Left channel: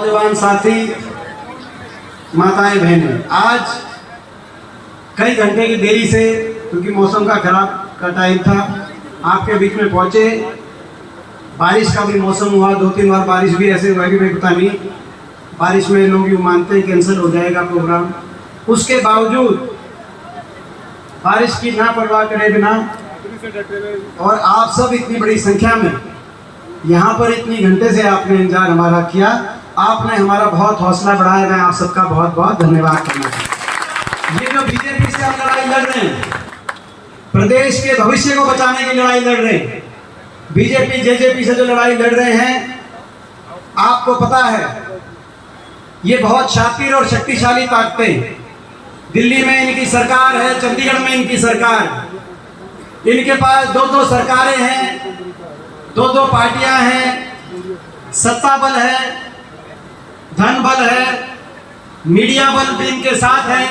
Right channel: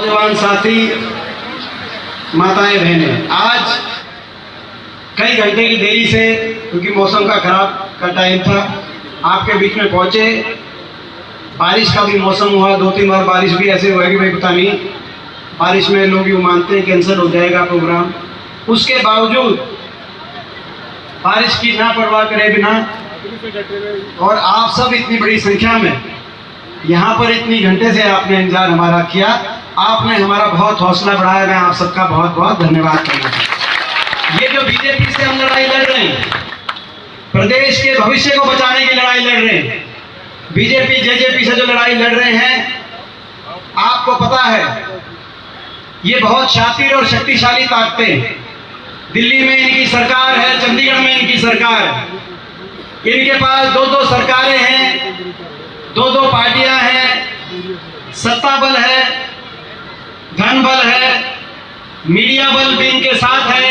नौजवान साथी, माताएं बहनें, आज कई घंटे की देरी से, क्योंकि मौसम का टाइम था, आपके बीच में पहुंचे। बारिश का भी मौसम हुआ, 2-3 बार बारिश भी ऐसे हुआ कि भाई पता नहीं, बारिश में लोग यूँ मानते हैं कैंसिल हो जाएगा प्रोग्राम। उसके बावजूद बारिश की ना परवाह करे बिना, और आप सब इतनी बड़ी संख्या में यहाँ पर इतनी घंटे से आपने इंतजार हमारा किया, आपने हमारा बहुत हौसला बढ़ाया। मैं आप सबका बहुत बहुत धन्यवाद करना चाहता हूँ। ये जो बीजेपी से हम लड़ाई लड़ रहे हैं, प्रदेश के भविष्य को बचाने की लड़ाई लड़ रहे हैं, बीजेपी जेजेपी से जो लड़ाई लड़ रहे हैं, आपको पता है ये बहुत शातिर और शक्तिशाली ताकतें। दिल्ली में इनकी सरकार है, चंडीगढ़ में इनकी सरकार है, इनके पास 2-2 सरकारें हैं, 2-2 पार्टियां हैं, सत्ता बल है, धन बल है, मीडिया बल भी इनके साथ है,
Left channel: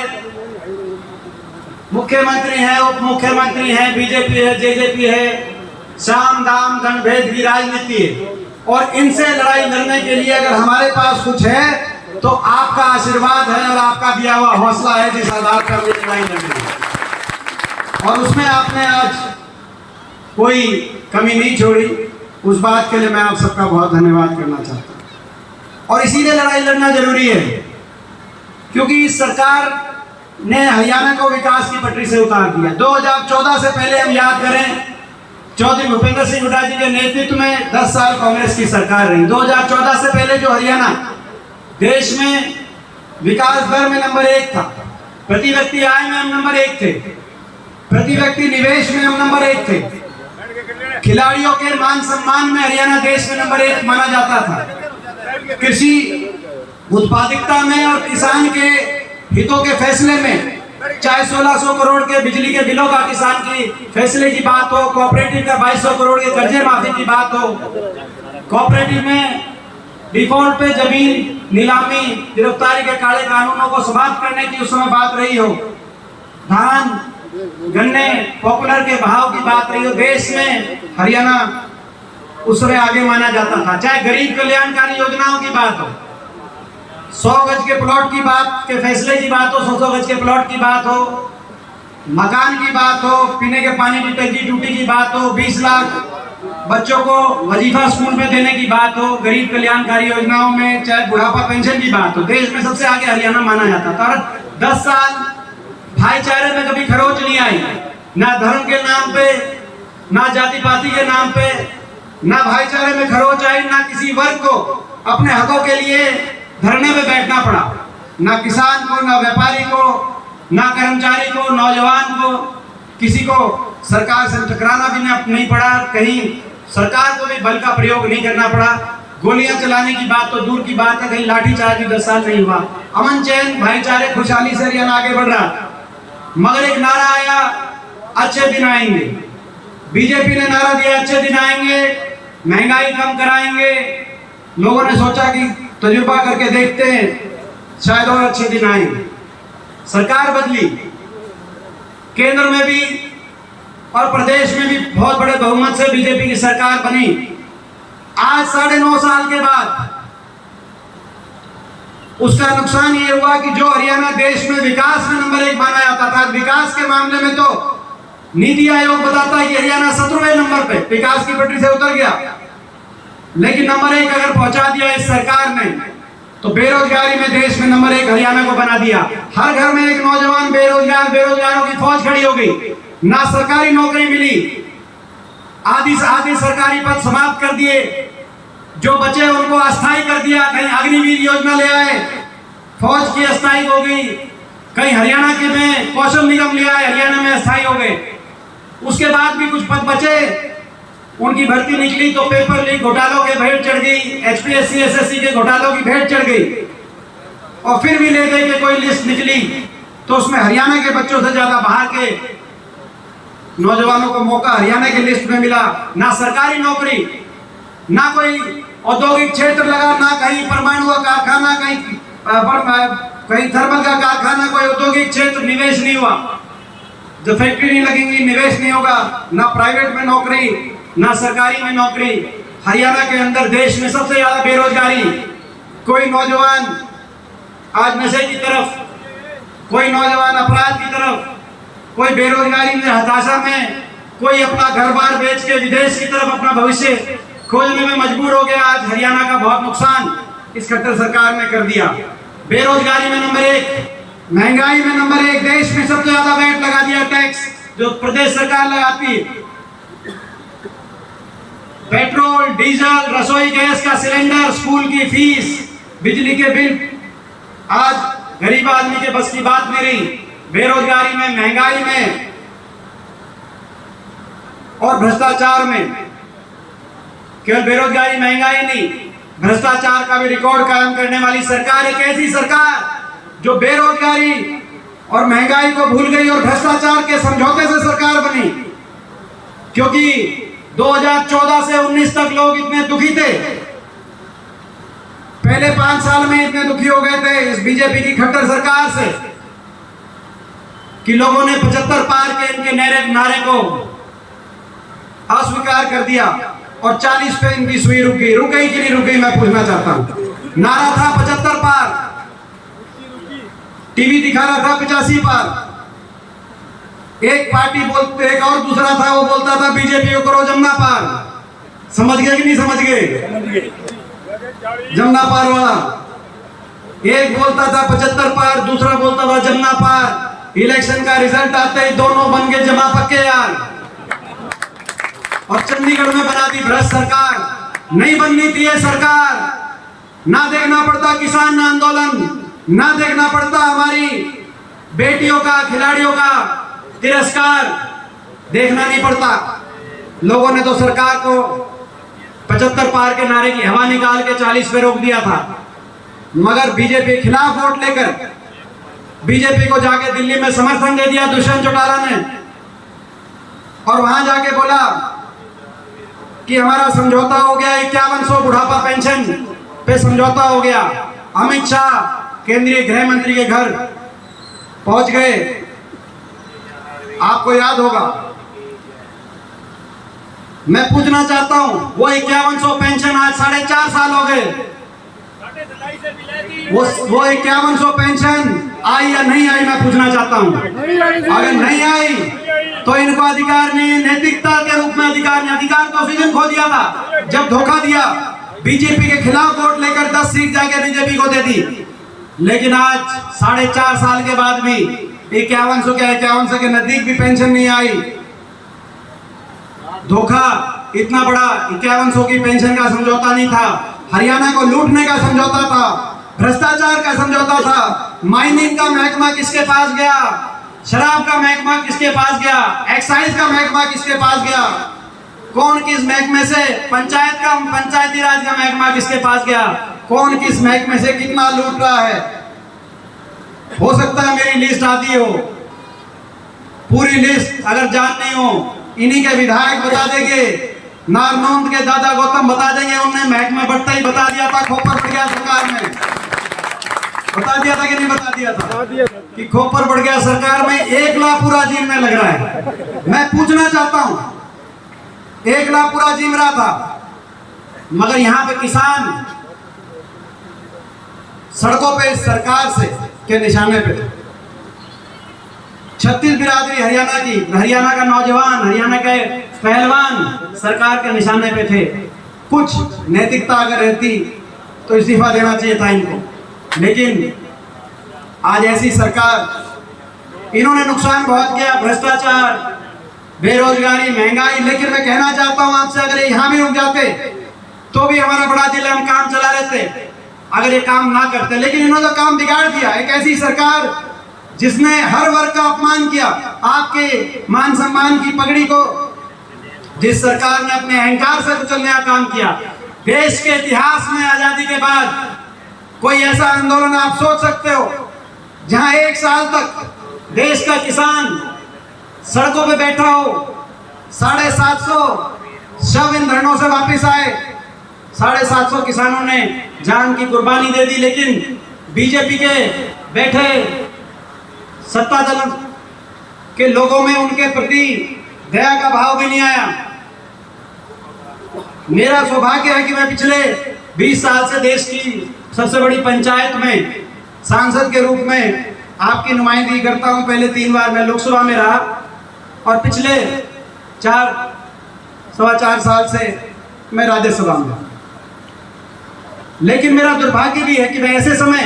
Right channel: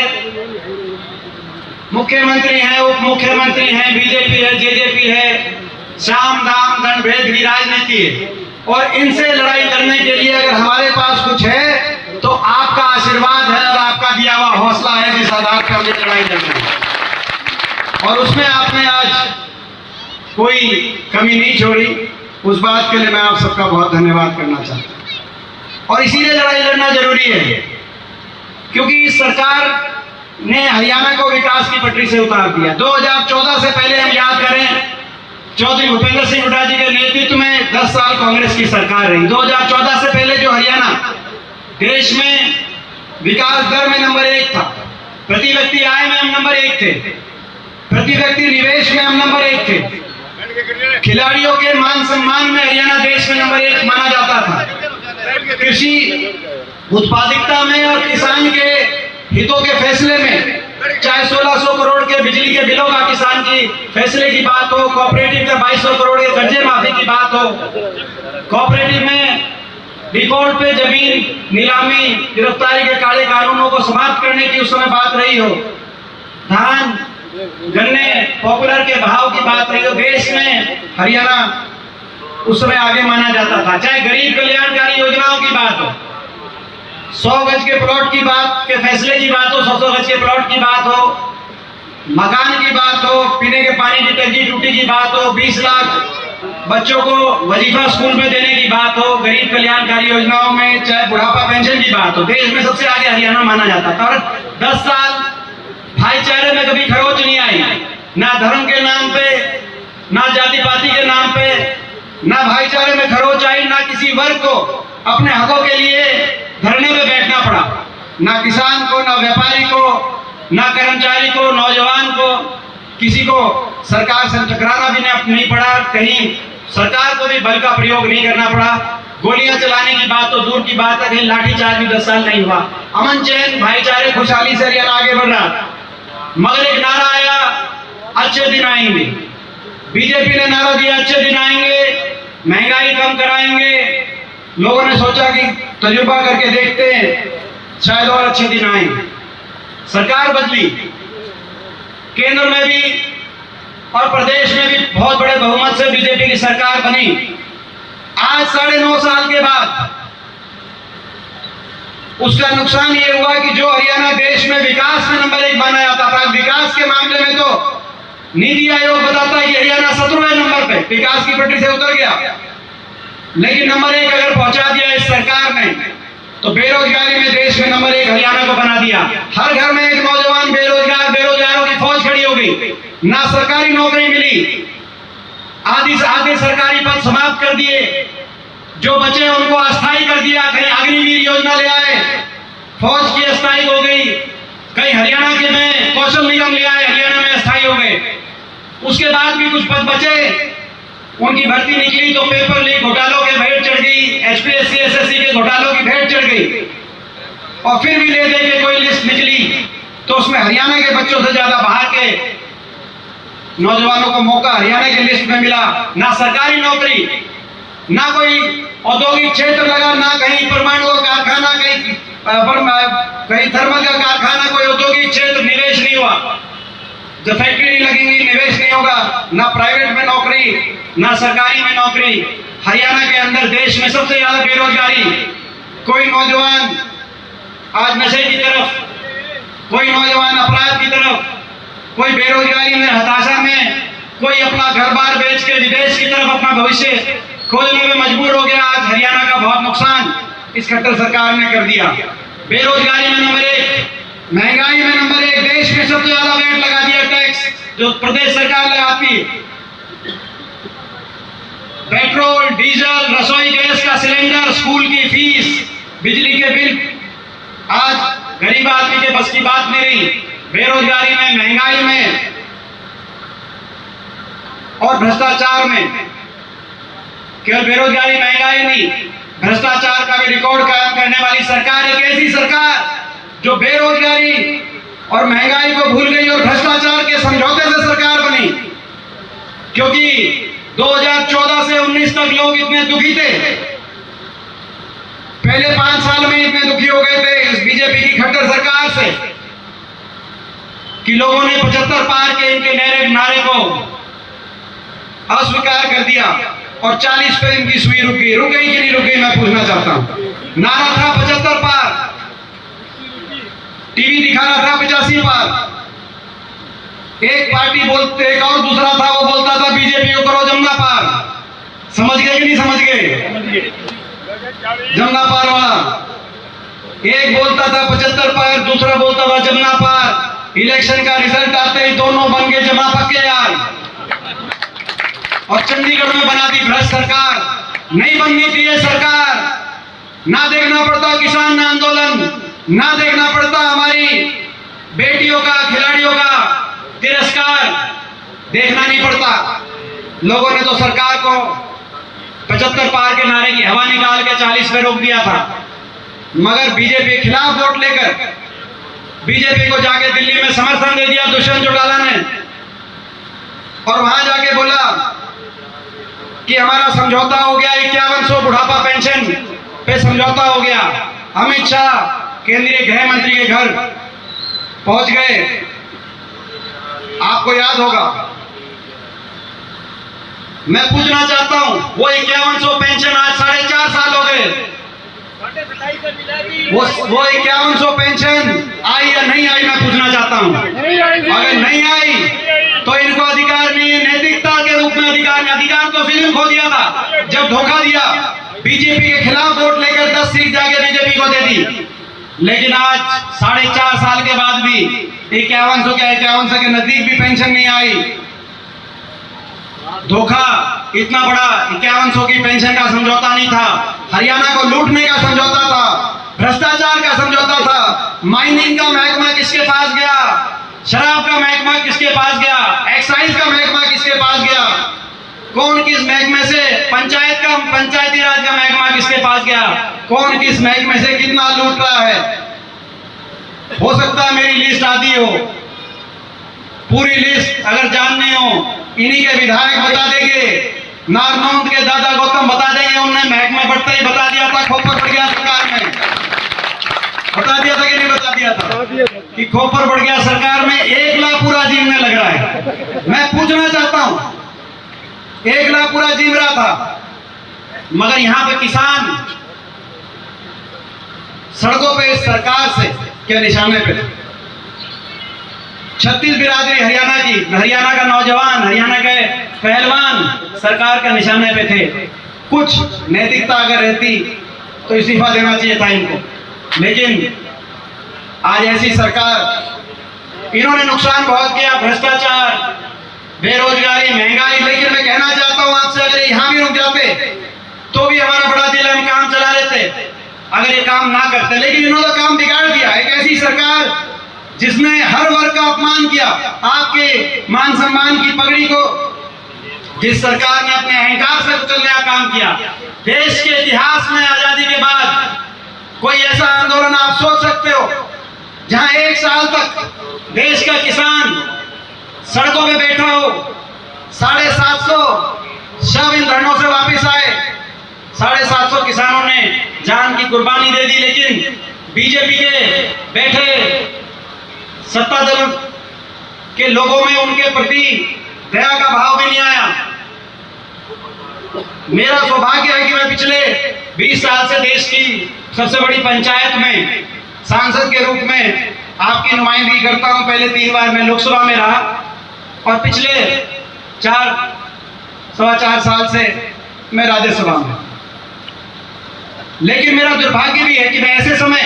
मुख्यमंत्री हैं, उप मुख्यमंत्री हैं, बीजेपी है, जेजेपी है, साम दाम दंड भेद की राजनीति है। और इनसे लड़ाई लड़ने के लिए अगर हमारे पास कुछ है तो आपका आशीर्वाद है और आपका दिया हुआ हौसला है जिस आधार पर हमने लड़ाई लड़नी है। और उसमें आपने आज कोई कमी नहीं छोड़ी, उस बात के लिए मैं आप सबका बहुत धन्यवाद करना चाहता हूँ। और इसीलिए लड़ाई लड़ना जरूरी है, क्योंकि इस सरकार ने हरियाणा को विकास की पटरी से उतार दिया। 2014 से पहले हम याद करें, चौधरी भूपेंद्र सिंह हुड्डा जी के नेतृत्व में 10 साल कांग्रेस की सरकार रही। 2014 से पहले जो हरियाणा देश में विकास दर में नंबर 1 था, प्रति व्यक्ति आय में हम नंबर 1 थे, प्रति व्यक्ति निवेश में हम नंबर 1 थे, खिलाड़ियों के मान सम्मान में हरियाणा देश में नंबर 1 माना जाता था, कृषि उत्पादकता में और किसान के हितों के फैसले में, चाहे 1600 करोड़ के बिजली के बिलों का किसान की फैसले की बात हो, कोऑपरेटिव का 2200 करोड़ के कर्जे माफी की बात हो, कोऑपरेटिव में डिफॉल्ट पे जमीन नीलामी गिरफ्तारी के काले कानूनों को समाप्त करने की उस समय बात रही हो, धान गन्ने पॉपुलर के भाव की बात रही हो, देश में हरियाणा उस समय आगे माना जाता था। चाहे गरीब कल्याणकारी योजनाओं की बात हो, 100 गज के प्लॉट की बात के फैसले की बात हो, 100 गज के प्लॉट की बात हो, मकान की बात हो, पीने के पानी की टंकी टूटी की बात हो, 20 लाख बच्चों को वजीफा स्कूल में देने की बात हो, गरीब कल्याणकारी योजनाओं में, चाहे बुढ़ापा पेंशन की बात हो, देश में सबसे आगे हरियाणा माना जाता था। और 10 साल भाईचारे में कभी खरोच नहीं आई, ना धर्म के नाम पे, ना जाति पाति के नाम पे, ना भाईचारे में खरोच आई, ना किसी वर्ग को अपने हकों के लिए धरने में बैठना पड़ा, ना किसान को, ना व्यापारी को, ना कर्मचारी को, नौजवान को, किसी को सरकार से टकराना भी नहीं पड़ा, कहीं सरकार को भी बल का प्रयोग नहीं करना पड़ा, गोलियां चलाने की बात तो दूर की बात है, कहीं लाठीचार्ज भी 10 साल नहीं हुआ। अमन चैन भाईचारे खुशहाली से हरियाणा आगे बढ़ रहा। मगर एक नारा आया, अच्छे दिन आएंगे। बीजेपी ने नारा दिया, अच्छे दिन आएंगे, महंगाई कम कराएंगे। लोगों ने सोचा कि तजुर्बा करके देखते हैं, शायद और अच्छे दिन आएंगे। सरकार बदली, केंद्र में भी और प्रदेश में भी बहुत बड़े बहुमत से बीजेपी की सरकार बनी। आज 9.5 साल के बाद उसका नुकसान ये हुआ कि जो हरियाणा देश में विकास में नंबर 1 माना जाता था, विकास के मामले में तो नीति आयोग बताता है कि हरियाणा 17वें नंबर पे विकास की पटरी से उतर गया, लेकिन नंबर 1 अगर पहुंचा दिया इस सरकार ने, तो बेरोजगारी में देश में नंबर 1 हरियाणा को बना दिया। हर घर में एक नौजवान बेरोजगार, बेरोजगारों की फौज खड़ी हो गई, ना सरकारी नौकरी मिली, आधे सरकारी पद समाप्त कर दिए, जो बचे उनको अस्थायी कर दिया, कहीं अग्निवीर योजना ले आए, फौज की अस्थायी हो गई, कहीं हरियाणा के में कौशल निगम ले आए, हरियाणा में अस्थायी हो गए। उसके बाद भी कुछ पद बचे, उनकी भर्ती निकली तो पेपर लीक घोटालों के भेंट चढ़ गई, एचपीएससी एसएससी के घोटालों की भेंट चढ़ गई। और फिर भी ले दे के कोई लिस्ट निकली तो उसमें हरियाणा के बच्चों से ज्यादा बाहर के नौजवानों को मौका हरियाणा के लिस्ट में मिला। ना सरकारी नौकरी, ना कोई औद्योगिक क्षेत्र लगा, ना कहीं परमाणु का कारखाना, कहीं थर्मल का कारखाना, कोई औद्योगिक क्षेत्र, निवेश नहीं हुआ। जब फैक्ट्री नहीं लगेंगी, निवेश नहीं होगा, ना प्राइवेट में नौकरी, ना सरकारी में नौकरी। हरियाणा के अंदर देश में सबसे ज्यादा बेरोजगारी, कोई नौजवान आज नशे की तरफ, कोई नौजवान अपराध की तरफ, कोई बेरोजगारी में, हताशा में, कोई अपना घर बार बेच के विदेश की तरफ अपना भविष्य खोजने में मजबूर हो गया। आज हरियाणा का बहुत नुकसान इस खट्टर सरकार ने कर दिया। बेरोजगारी में नंबर 1, महंगाई में नंबर 1, देश में सबसे ज्यादा वेट लगा दिया टैक्स जो प्रदेश सरकार लगाती है। पेट्रोल, डीजल, रसोई गैस का सिलेंडर, स्कूल की फीस, बिजली के बिल आज गरीब आदमी के बस की बात नहीं रही। बेरोजगारी में, महंगाई में और भ्रष्टाचार में, केवल बेरोजगारी महंगाई नहीं, भ्रष्टाचार का भी रिकॉर्ड कायम करने वाली सरकार एक ऐसी सरकार जो बेरोजगारी और महंगाई को भूल गई और भ्रष्टाचार के समझौते से सरकार बनी। क्योंकि 2014 से 19 तक लोग इतने दुखी थे, पहले 5 साल में इतने दुखी हो गए थे इस बीजेपी की खट्टर सरकार से कि लोगों ने 75 पार के इनके नारे को अस्वीकार कर दिया और 40 पे इनकी सुई रुक गई। रुक गई कि नहीं रुक गई, मैं पूछना चाहता हूं। नारा था 75 पार, टीवी दिखा रहा था 85 पार। एक पार्टी बोलते, एक और दूसरा था वो बोलता था बीजेपी को करो जमुना पार। समझ गए कि नहीं समझ गए? जमुना पार वाला एक बोलता था 75 पार, दूसरा बोलता था जमुना पार। इलेक्शन का रिजल्ट आते ही दोनों बन के जमा पक्के यार, और चंडीगढ़ में बना दी भ्रष्ट सरकार। नहीं बननी थी ये सरकार। ना देखना पड़ता किसान आंदोलन, ना देखना पड़ता हमारी बेटियों का, खिलाड़ियों का तिरस्कार, देखना नहीं पड़ता। लोगों ने तो सरकार को 75 पार के नारे की हवा निकाल के 40 पे रोक दिया था। मगर बीजेपी के खिलाफ वोट लेकर बीजेपी को जाके दिल्ली में समर्थन दे दिया दुष्यंत चौटाला ने, और वहां जाके बोला कि हमारा समझौता हो गया, 5100 बुढ़ापा पेंशन पे समझौता हो गया। अमित शाह केंद्रीय गृह मंत्री के घर पहुंच गए। आपको याद होगा, मैं पूछना चाहता हूं, वो 5100 पेंशन आज 4.5 साल हो गए, वो 5100 पेंशन आई या नहीं आई, मैं पूछना चाहता हूं। अगर नहीं आई तो इनको अधिकार नहीं है, नैतिकता के रूप में अधिकार नहीं। अधिकार तो उसी दिन खो दिया था जब धोखा दिया, बीजेपी के खिलाफ वोट लेकर 10 सीट जाके बीजेपी को दे दी। लेकिन आज 4.5 साल के बाद भी 5100 के नजदीक भी पेंशन नहीं आई। धोखा इतना बड़ा, 5100 की पेंशन का समझौता नहीं था, हरियाणा को लूटने का समझौता था, भ्रष्टाचार का समझौता था। माइनिंग का महकमा किसके पास गया, शराब का महकमा किसके पास गया, एक्साइज का महकमा किसके पास गया, कौन किस महकमे से, पंचायती राज का महकमा किसके पास गया, कौन किस महकमे से कितना लूट रहा है। हो सकता है मेरी लिस्ट आती हो, पूरी लिस्ट अगर जाननी हो इन्हीं के विधायक बता देंगे, नारनौंद के दादा गौतम बता देंगे। उन्होंने महकमा बढ़ते ही बता दिया था, खोपर बढ़ गया सरकार में, बता दिया था कि नहीं बता दिया था कि खोपर बढ़ गया सरकार में। 1 लाख पूरा जीवने लग रहा है। मैं पूछना चाहता हूं, 1 लाख पूरा जीव रहा था, मगर यहां पे किसान सड़कों पे सरकार से के निशाने पे। 36 बिरादरी हरियाणा की, हरियाणा का नौजवान, हरियाणा के पहलवान सरकार के निशाने पे थे। कुछ नैतिकता अगर रहती तो इस्तीफा देना चाहिए था इनको, लेकिन आज ऐसी सरकार, इन्होंने नुकसान बहुत किया, भ्रष्टाचार, बेरोजगारी, महंगाई। लेकिन मैं कहना चाहता हूं आपसे, अगर यहां भी रुक जाते तो भी हमारा बड़ा दिल है, हम काम चला लेते अगर ये काम ना करते। लेकिन इन्होंने तो काम बिगाड़ दिया। एक ऐसी सरकार जिसने हर वर्ग का अपमान किया, आपके मान सम्मान की पगड़ी को, जिस सरकार ने अपने अहंकार से कुचलने का काम किया। देश के इतिहास में आजादी के बाद कोई ऐसा आंदोलन आप सोच सकते हो जहां 1 साल तक देश का किसान सड़कों पे बैठा हो, 750 शव इन धरनों से वापस आए, 750 किसानों ने जान की कुर्बानी दे दी। लेकिन बीजेपी के बैठे सत्ता दल के लोगों में उनके प्रति दया का भाव भी नहीं आया। मेरा सौभाग्य है कि मैं पिछले 20 साल से देश की सबसे बड़ी पंचायत में सांसद के रूप में आपकी नुमाइंदगी करता हूं। पहले 3 बार मैं लोकसभा में रहा और पिछले 4-4.25 साल से मैं राज्यसभा में। लेकिन मेरा दुर्भाग्य भी है कि मैं ऐसे समय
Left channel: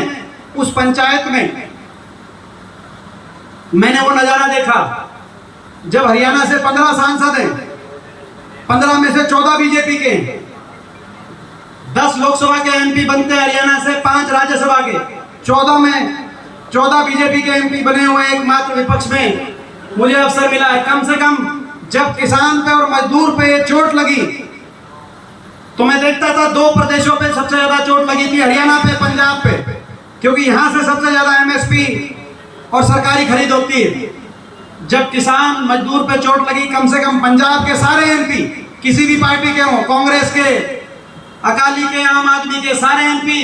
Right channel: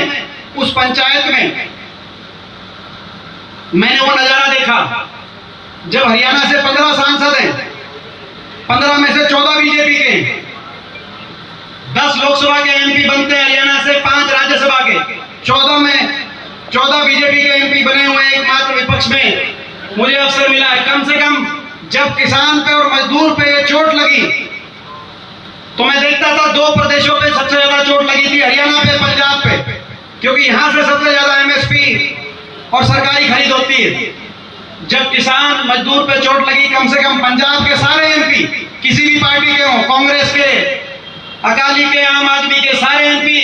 उस पंचायत में मैंने वो नजारा देखा जब हरियाणा से 15 सांसद हैं, 15 में से 14 बीजेपी के, 10 लोकसभा के एमपी बनते हैं हरियाणा से, 5 राज्यसभा के, 14 बीजेपी के एमपी बने हुए, एकमात्र विपक्ष में मुझे अवसर मिला है। कम से कम जब किसान पे और मजदूर पे ये चोट लगी तो मैं देखता था 2 प्रदेशों पे सबसे ज्यादा चोट लगी थी, हरियाणा पे, पंजाब पे, क्योंकि यहां से सबसे ज्यादा एमएसपी और सरकारी खरीद होती है। जब किसान मजदूर पे चोट लगी, कम से कम पंजाब के सारे एमपी, किसी भी पार्टी के हों, कांग्रेस के, अकाली के, आम आदमी के, सारे एमपी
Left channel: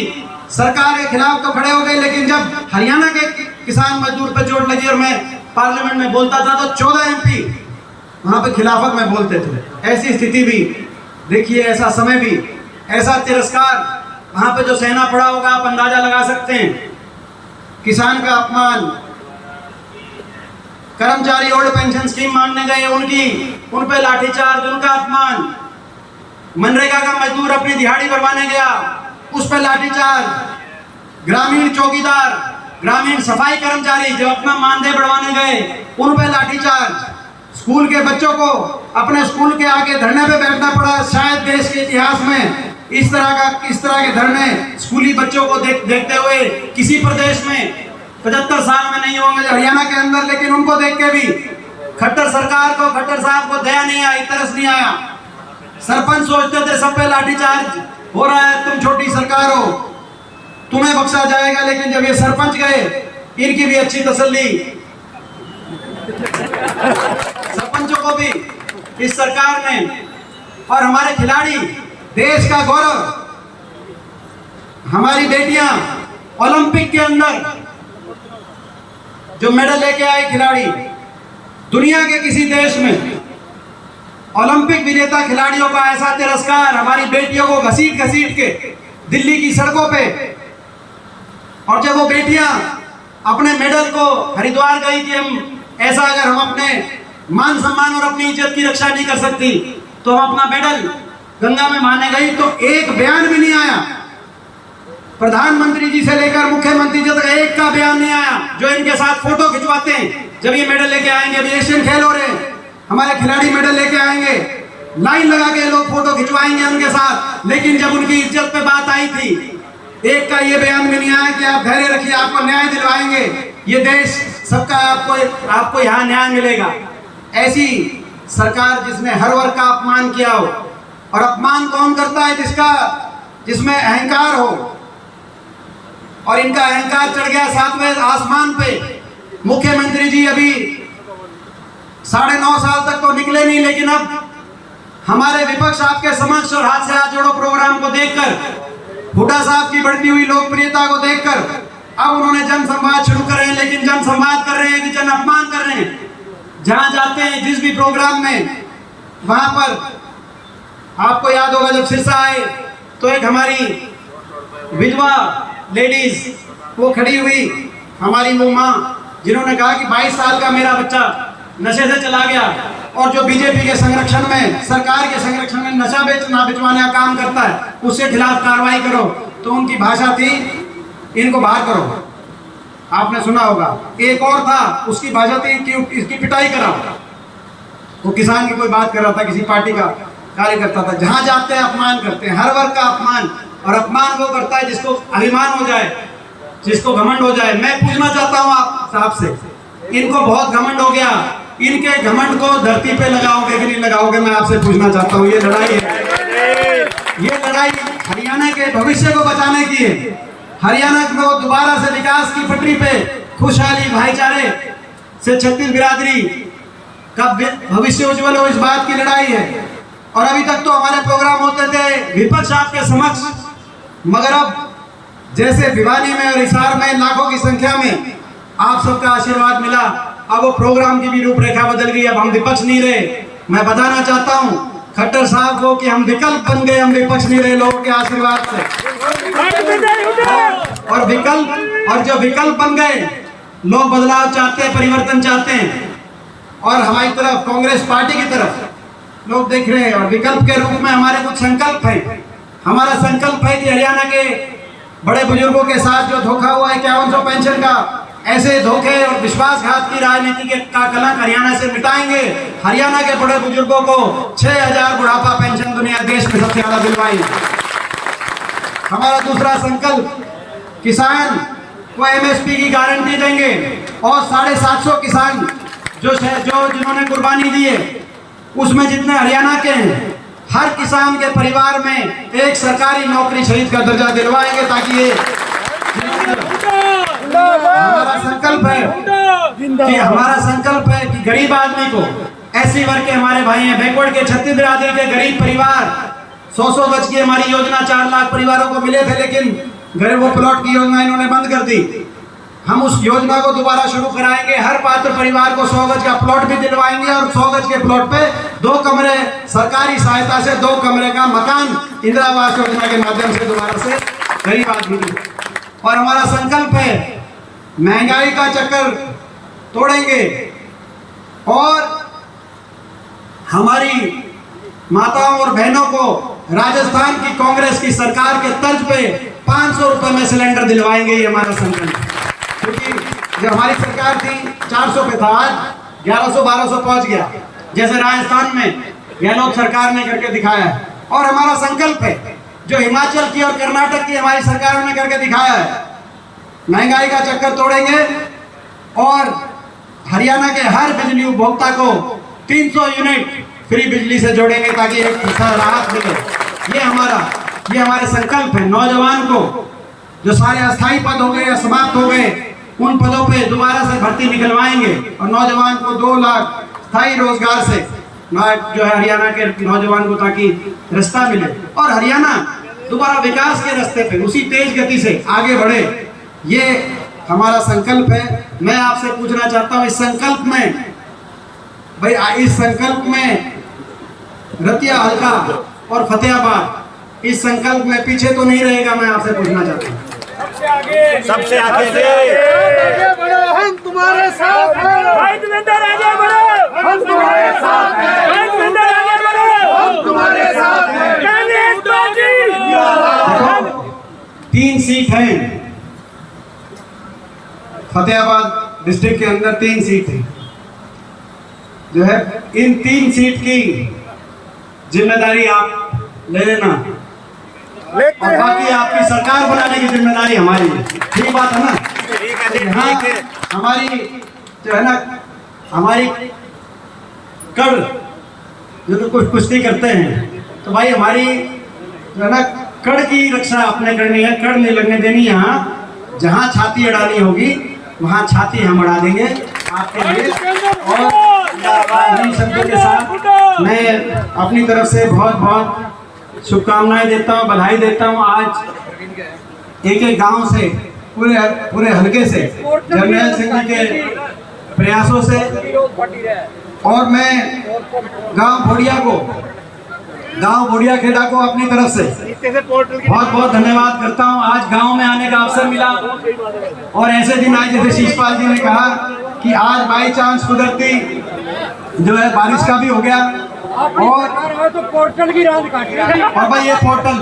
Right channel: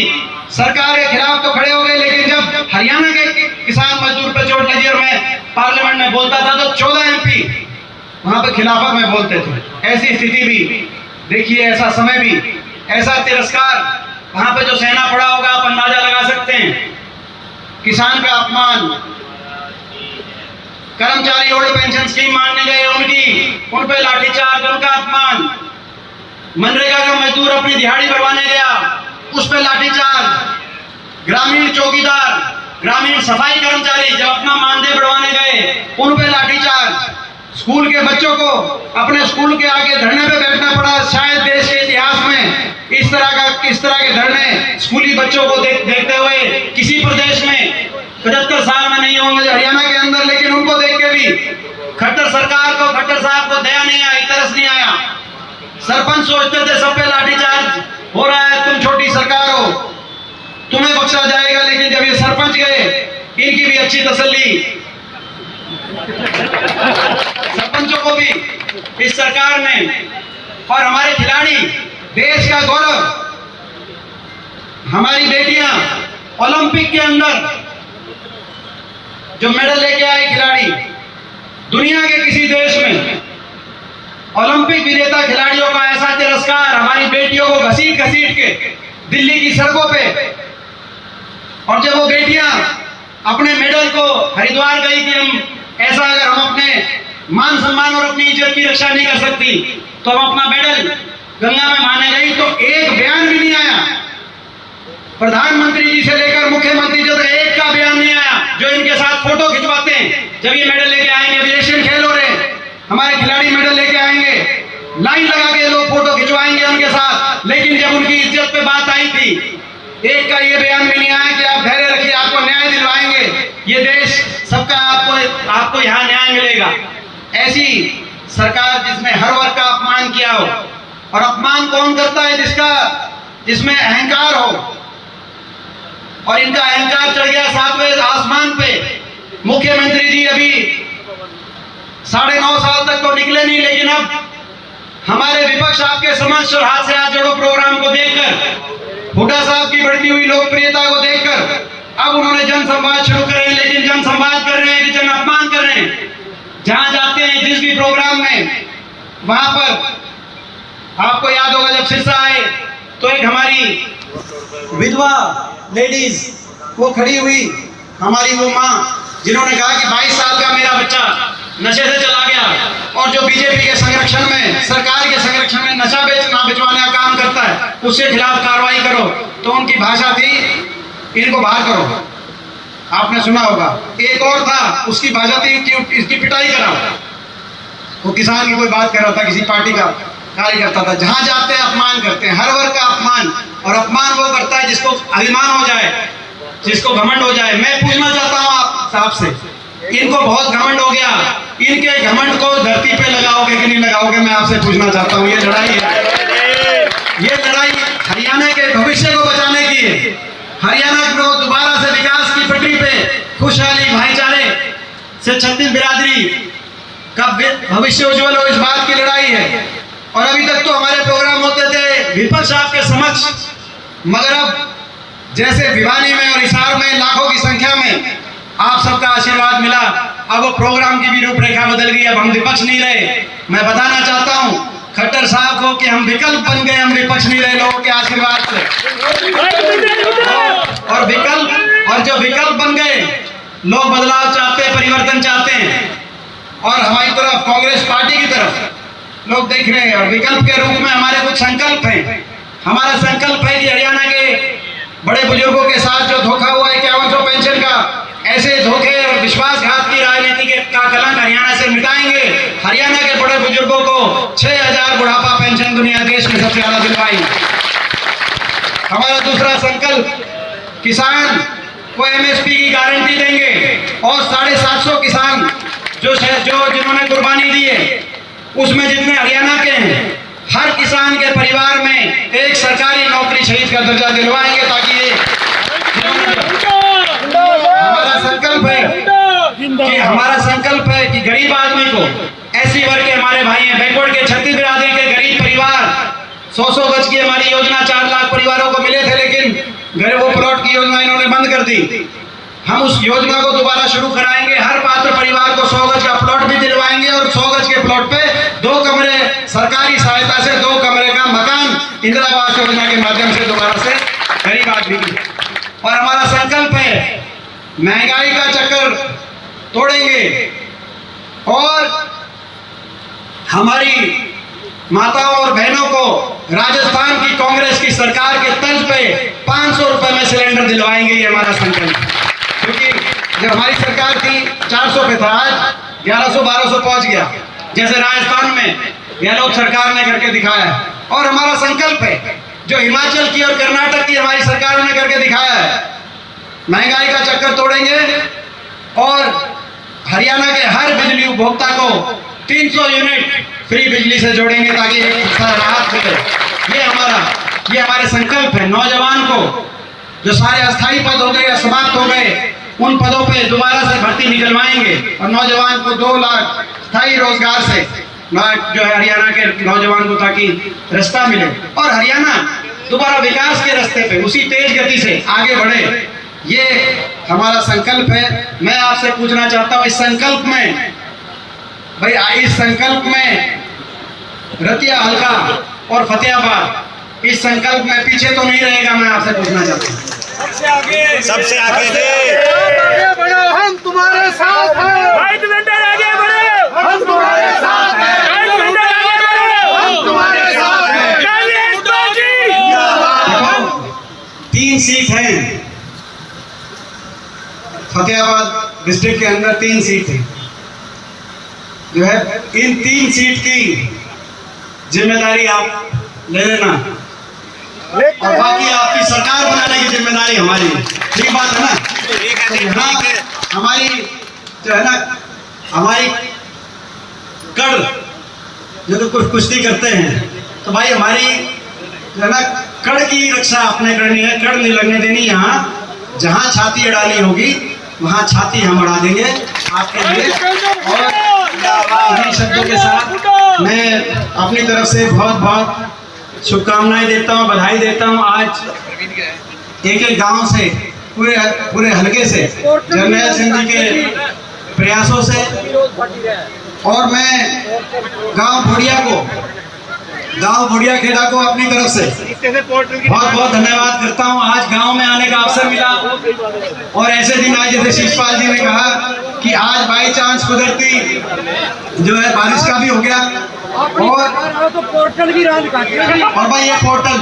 सरकार के खिलाफ तो खड़े हो गए। लेकिन जब हरियाणा के किसान मजदूर पे चोट लगी और मैं पार्लियामेंट में बोलता था तो 14 एमपी वहां पे खिलाफत में बोलते थे। ऐसी स्थिति भी देखिए, ऐसा समय भी, ऐसा तिरस्कार वहां पे जो सहना पड़ा होगा, आप अंदाजा लगा सकते हैं। किसान का अपमान, कर्मचारी ओल्ड पेंशन स्कीम मांगने गए उन पे लाठीचार्ज, उनका अपमान, मनरेगा का मजदूर अपनी दिहाड़ी बढ़वाने गया, उस पर लाठीचार्ज, ग्रामीण चौकीदार, ग्रामीण सफाई कर्मचारी जब अपना मानदेय बढ़वाने गए उन पे लाठीचार्ज, स्कूल के बच्चों को अपने स्कूल के आगे धरने पे बैठना पड़ा। शायद देश के इतिहास में इस तरह के धरने स्कूली बच्चों को देखते हुए किसी प्रदेश में 75 साल में नहीं होंगे, हरियाणा के अंदर। लेकिन उनको देख के भी खट्टर सरकार को, खट्टर साहब को दया नहीं आई, तरस नहीं आया। सरपंच सोचते थे सब पे लाठीचार्ज हो रहा है, तुम छोटी सरकार हो, तुम्हें बख्शा जाएगा। लेकिन जब ये सरपंच गए, इनकी भी अच्छी तसल्ली, सरपंचों को भी इस सरकार ने, और हमारे खिलाड़ी, देश का गौरव, हमारी बेटियां ओलंपिक के अंदर जो मेडल लेके आए खिलाड़ी, दुनिया के किसी देश में ओलंपिक विजेता खिलाड़ियों का ऐसा तिरस्कार, हमारी बेटियों को घसीट घसीट के दिल्ली की सड़कों पे, और जब वो बेटियां अपने मेडल को हरिद्वार गई कि हम ऐसा, अगर हम अपने मान सम्मान और अपनी इज्जत की रक्षा नहीं कर सकती तो हम अपना मेडल गंगा में माने गई, तो एक बयान भी नहीं आया। प्रधानमंत्री जी से लेकर मुख्यमंत्री जी तक एक का बयान नहीं आया। जो इनके साथ फोटो खिंचवाते हैं, जब ये मेडल लेके आएंगे, अभी एशियन खेल हो रहे हैं, हमारे खिलाड़ी मेडल लेके आएंगे, लाइन लगा के लोग फोटो खिंचवाएंगे उनके साथ। लेकिन जब उनकी इज्जत पे बात आई थी, एक का ये बयान भी नहीं आया कि आप धैर्य रखिए, आपको न्याय दिलवाएंगे, ये देश सबका, आपको यहाँ न्याय मिलेगा। ऐसी सरकार जिसने हर वर्ग का अपमान किया हो, और अपमान कौन करता है? जिसमें अहंकार हो, और इनका अहंकार चढ़ गया 7वें आसमान पे। मुख्यमंत्री जी अभी 9.5 साल तक तो निकले नहीं, लेकिन अब हमारे विपक्ष आपके समक्ष और हाथ से हाथ जोड़ो प्रोग्राम को देखकर, हुड्डा साहब की बढ़ती हुई लोकप्रियता को देखकर अब उन्होंने जन संवाद शुरू कर रहे हैं। लेकिन जन संवाद कर रहे हैं कि जन अपमान कर रहे हैं। जहां जाते हैं, जिस भी प्रोग्राम में, वहां पर आपको याद होगा जब सिरसा आए तो एक हमारी विधवा लेडीज वो खड़ी हुई, हमारी वो माँ, जिन्होंने कहा कि 22 साल का मेरा बच्चा नशे से चला गया, और जो बीजेपी के संरक्षण में, सरकार के संरक्षण में नशा बेचवाने का काम करता है, उसके खिलाफ कार्रवाई करो। तो उनकी भाषा थी, इनको बाहर करो। आपने सुना होगा। एक और था, उसकी भाषा थी कि इसकी पिटाई करो। वो किसान की कोई बात कर रहा था, किसी पार्टी का कार्यकर्ता था। जहां जाते हैं अपमान करते हैं, हर वर्ग का अपमान, और अपमान वो करता है जिसको अभिमान हो जाए, जिसको घमंड हो जाए। मैं पूछना चाहता हूँ आप साहब से, इनको बहुत घमंड हो गया, इनके घमंड को धरती पे लगाओगे कि नहीं लगाओगे? मैं आपसे पूछना चाहता हूँ। ये लड़ाई है, ये लड़ाई हरियाणा के भविष्य को बचाने की है। हरियाणा को दोबारा से विकास की पटरी पे, खुशहाली, भाईचारे से छत्तीस बिरादरी का भविष्य उज्जवल हो, इस बात की लड़ाई है। और अभी तक तो हमारे प्रोग्राम होते थे विपक्ष आपके समक्ष, मगर अब जैसे भिवानी में और हिसार में लाखों की संख्या में आप सबका आशीर्वाद मिला, अब वो प्रोग्राम की भी रूपरेखा बदल गई। अब हम विपक्ष नहीं रहे। मैं बताना चाहता हूँ, खट्टर साहब को कि हम विकल्प बन गए, हम विपक्ष नहीं रहे लोगों के आशीर्वाद से। और जो विकल्प बन गए, लोग बदलाव चाहते हैं, परिवर्तन चाहते हैं, और हमारी तरफ कांग्रेस पार्टी की तरफ लोग देख रहे हैं। और विकल्प के रूप में हमारे कुछ संकल्प हैं। हमारा संकल्प है कि हरियाणा के बड़े बुजुर्गों के साथ जो धोखा हुआ है 5100 पेंशन का, ऐसे धोखे और विश्वासघात की राजनीति का कलंक हरियाणा से मिटाएंगे। हरियाणा के बड़े बुजुर्गों को 6000 बुढ़ापा पेंशन दुनिया देश में सबसे ज्यादा दिलवाएंगे। हमारा दूसरा संकल्प, किसान को एमएसपी की गारंटी देंगे, और 750 किसान जो जिन्होंने कुर्बानी दी है, उसमें जितने हरियाणा के हैं, हर किसान के परिवार में एक सरकारी नौकरी शहीद का दर्जा दिलवाएंगे, ताकि ये हमारा संकल्प है कि गरीब आदमी को, ऐसी वर्ग के हमारे भाई हैं, बैकवर्ड के छत्तीस बिरादरी के गरीब परिवार, 100 गज की हमारी योजना 4 लाख परिवारों को मिले थे, लेकिन गरीबों प्लॉट की योजना इन्होंने बंद कर दी। हम उस योजना को दोबारा शुरू कराएंगे। हर पात्र परिवार को 100 गज का प्लॉट भी दिलवाएंगे, और 100 गज के प्लॉट पे 2 कमरे सरकारी सहायता से 2 कमरे का मकान इंदिरा आवास योजना के माध्यम से दोबारा से गरीब आदमी को। और हमारा संकल्प है, महंगाई का चक्कर तोड़ेंगे, और हमारी माताओं और बहनों को राजस्थान की कांग्रेस की सरकार के तर्ज पे 500 रुपए में सिलेंडर दिलवाएंगे। ये हमारा संकल्प, क्योंकि जब हमारी सरकार थी 400 पे था, आज 1100-1200 पहुंच गया, जैसे राजस्थान में गहलोत सरकार ने करके दिखाया। और हमारा संकल्प है, जो हिमाचल की और कर्नाटक की हमारी सरकारों ने करके दिखाया है, महंगाई का चक्कर तोड़ेंगे, और हरियाणा के हर बिजली उपभोक्ता को 300 यूनिट फ्री बिजली से जोड़ेंगे, ताकि एक राहत मिले। ये हमारे संकल्प है। नौजवान को, जो सारे अस्थायी पद हो गए, समाप्त हो गए, उन पदों पे दोबारा से भर्ती निकलवाएंगे, और नौजवान को 2 लाख स्थायी रोजगार से जो है हरियाणा के नौजवान को, ताकि रास्ता मिले, और हरियाणा दोबारा विकास के रास्ते पे उसी तेज गति से आगे बढ़े। ये हमारा संकल्प है। मैं आपसे पूछना चाहता हूँ, इस संकल्प में रतिया हल्का और फतेहाबाद, इस संकल्प में पीछे तो नहीं रहेगा। मैं आपसे पूछना चाहता हूँ, सबसे आगे बढ़ो, हम तुम्हारे साथ हैं। वाइट वेंडर आगे बढ़ो, हम तुम्हारे साथ हैं। वाइट वेंडर आगे बढ़ो, हम तुम्हारे साथ हैं। 3 सीट हैं फतेहाबाद डिस्ट्रिक्ट के अंदर, 3 सीट है जो है। इन 3 सीट की जिम्मेदारी आप ले लेना, और बाकी आपकी सरकार बनाने की जिम्मेदारी हमारी है। ठीक बात है ना? हमारी जो है ना, हमारी कड़ जो तो कुछ कुश्ती करते हैं, तो भाई हमारी जो है ना, कड़ की रक्षा अपने करनी है। कड़ नहीं लगने देनी। यहाँ जहाँ छाती अड़ानी होगी, वहाँ छाती हम अड़ा देंगे आपके लिए। और इन शब्दों के साथ मैं अपनी तरफ से बहुत बहुत शुभकामनाएं देता हूँ, बधाई देता हूँ। आज एक गांव से, पूरे हलके से, जर्नैल सिंह जी के प्रयासों से, और मैं गांव भोड़िया खेड़ा को अपनी तरफ से बहुत बहुत धन्यवाद करता हूं। आज गांव में आने का अवसर मिला, और ऐसे दिन आए जैसे शीशपाल जी ने कहा कि आज बाई चांस कुदरती जो है बारिश का भी हो गया, और तो पोर्टल भी रात काट रहा और भाई ये पोर्टल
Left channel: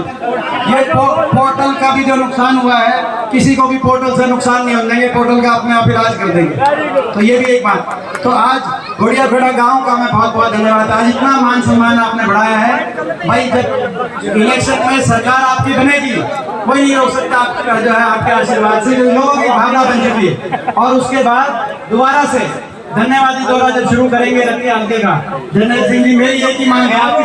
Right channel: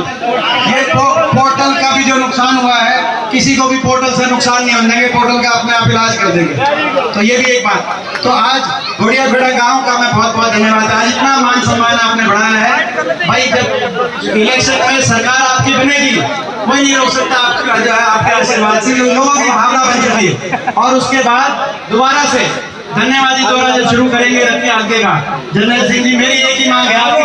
का भी जो नुकसान हुआ है, किसी को भी पोर्टल से नुकसान नहीं होने देंगे, पोर्टल का अपने आप इलाज कर देंगे। तो ये भी एक बात। तो आज घोड़िया खेड़ा गांव का मैं बहुत बहुत धन्यवाद। आज इतना मान सम्मान आपने बढ़ाया है भाई। जब इलेक्शन में सरकार आपकी बनेगी, कोई नहीं रोक सकता आपका जो है, आपके आशीर्वाद से लोगों की भावना बन चुकी है। और उसके बाद दोबारा से धन्यवादी दौरा जब शुरू करेंगे रतिया हल्के का, जर्नैल सिंह जी, मेरी एक ही मांग है आपकी